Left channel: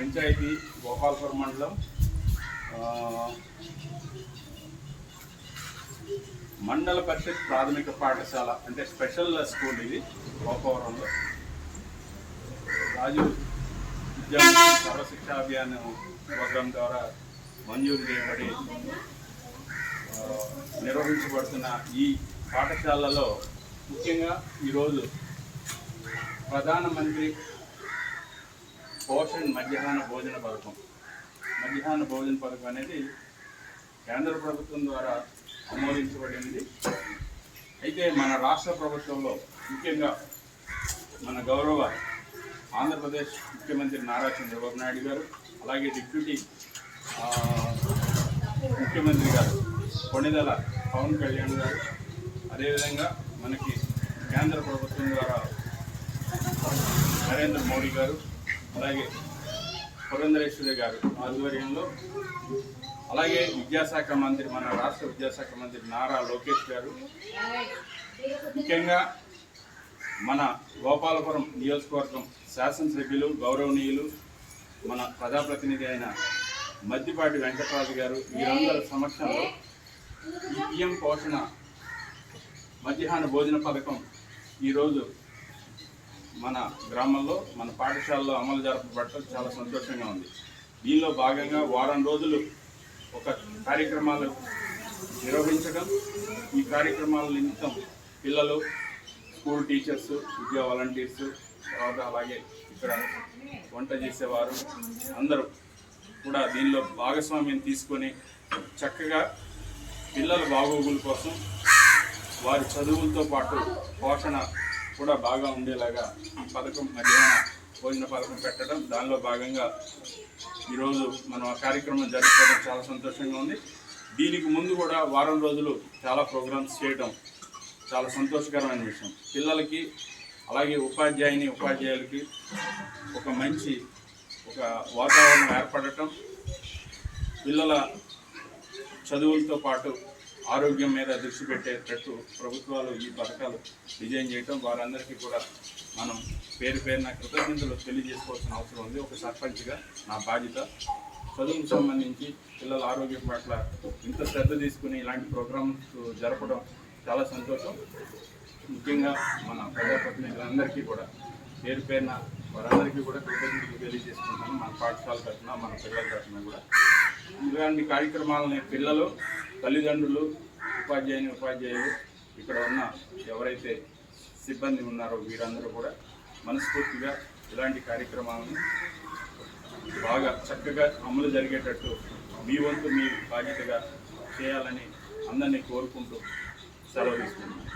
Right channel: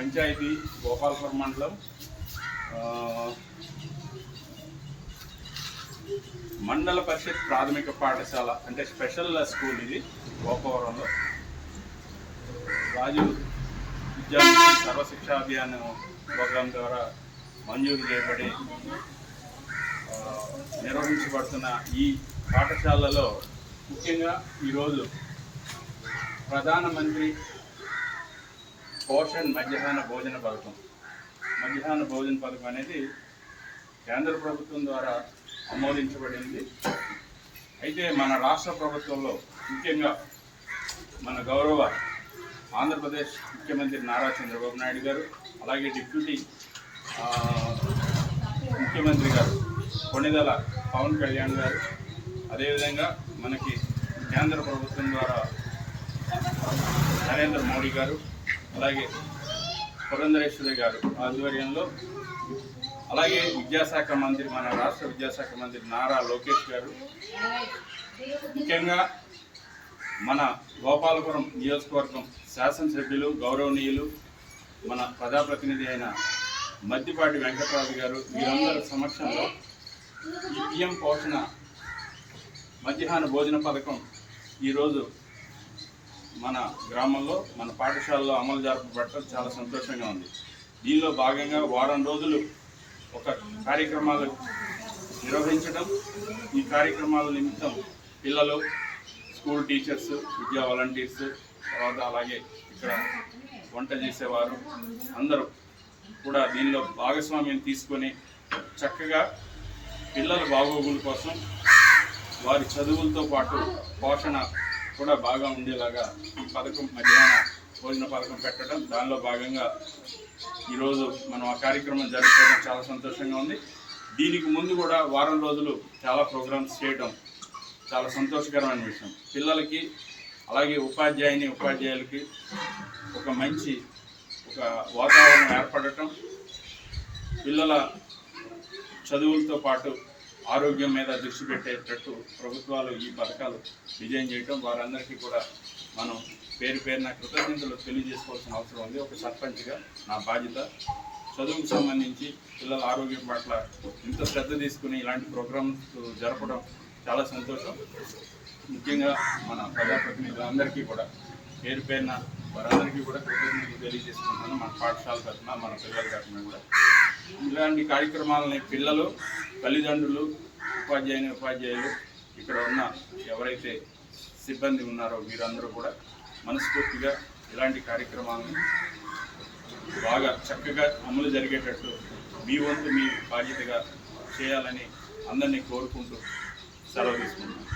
పంచాయతీ గోపాలపురం మండలం మండల పరిషత్ ప్రాథమిక పాఠశాల అంటే స్పెషల్ స్కూల్ ఇది గోపావరంలో రాజు విద్యా సర్వశిక్షా అభియాన్ ప్రోగ్రాం ద్వారా మంజూరు చేయబడి నిర్వహించబడుతున్న ఈ పాఠశాలలో ముఖ్యంగా ఈరోజు ప్రధానమంత్రి పోషణ్ మధ్యాహ్న భోజన పథకం అనేది కేంద్ర ప్రభుత్వం ద్వారా ఆమోదించబడింది. అయితే మన రాష్ట్ర ప్రభుత్వంలో ముఖ్యంగా మన గౌరవ ఆంధ్రప్రదేశ్ ముఖ్యమంత్రి నారా చంద్రబాబు నాయుడు గారు, అలాగే డిప్యూటీ ముఖ్యమంత్రి గారు కొణిదెల పవన్ కళ్యాణ్ గారు, అదేవిధంగా మనకి కేంద్ర ప్రభుత్వం ద్వారా నరేంద్ర మోడీ గారు, అలాగే పురంధరేశ్వరి గారు ఆధ్వర్యంలో, అలాగే విద్యాశాఖ మంత్రి మన రాష్ట్ర విద్యాశాఖ మంత్రి నారా లోకేష్ గారు, ముఖ్యంగా మన గోపాలపురం నియోజకవర్గం శాసనసభ్యులు గౌరవనీయులు మన ప్రజాప్రతినిధి అయిన మద్దిపాటి వెంకటరాజు గారు, వీరందరి సమక్షంలో ఈ పిఎం పోషణ మధ్యాహ్న భోజన పథకం ఈరోజు మన గ్రామంలో మన పాఠశాలలో అమలు జరపబడటం చాలా సంతోషంగా ఉంది. దీనిలో భాగంగా వారం రోజులు ఒక కార్యక్రమాలు నిర్వహించడం, ఈ కార్యక్రమాల నిమిత్తం పిల్లలు, స్కూల్ టీచర్స్, విద్యా వాలంటీర్స్, తర్వాత అలాగే ఇక్కడ వంట చేసేవారు అందరూ కూడా దీనిలో భాగస్వామ్యం తీసుకొని చక్కగా పిల్లల బాగోగుల కోసం వారి చదువులతో పాటు పోషణ కూడా బాగా ఉండేలాగా ఈ పథకం మధ్యాహ్న భోజన పథకం పెట్టడం, దానిలో భాగంగా ఈరోజు మనం ఆ కార్యక్రమం జరుపుకోవడం చాలా సంతోషంగా ఉంది. దీనికి ముందు కూడా వారం రోజులు చాలా ప్రోగ్రామ్స్ చేయడం చాలా సంతోషకరమైన విషయం. పిల్లలకి అలాగే ఉపాధ్యాయులకి ఒక మంచి వాతావరణం ఏర్పడటం, పిల్లల చదువులతో పాటు ఆరోగ్యం మీద దృష్టి పెట్టేటట్టు ప్రభుత్వాలు ఈ పథకాలు డిజైన్ చేయటం, వారందరికీ కూడా మనం పేరున కృతజ్ఞతలు తెలియజేసుకోవాల్సిన అవసరం ఉంది. ఒక సర్పంచ్గా నా బాధ్యత. చదువుకు సంబంధించి పిల్లల ఆరోగ్యం పట్ల ఇంత శ్రద్ధ తీసుకుని ఇలాంటి ప్రోగ్రామ్స్ జరపడం చాలా సంతోషం. ముఖ్యంగా మన ప్రజాప్రతినిధులందరికీ కూడా పేరున వారందరికీ కూడా కృతజ్ఞతలు తెలియజేసుకుంటున్నాను. మన పాఠశాల తరఫున, మన పిల్లల తరఫున కూడా ఇలాంటి కార్యక్రమాలని పిల్లలు, తల్లిదండ్రులు, ఉపాధ్యాయులు, ఇక్కడ ఉన్న ఎవరైతే సిబ్బంది ఉన్నారో వీరందరూ కూడా మనస్ఫూర్తిగా ఇలాంటి కార్యక్రమాలను బాగా చక్కగా అమలు జరిగేటట్టు మీ వంతు మీ బాధ్యతగా చేయాలని అందరినీ కోరుకుంటూ సెలవు తీసుకుంటున్నాను.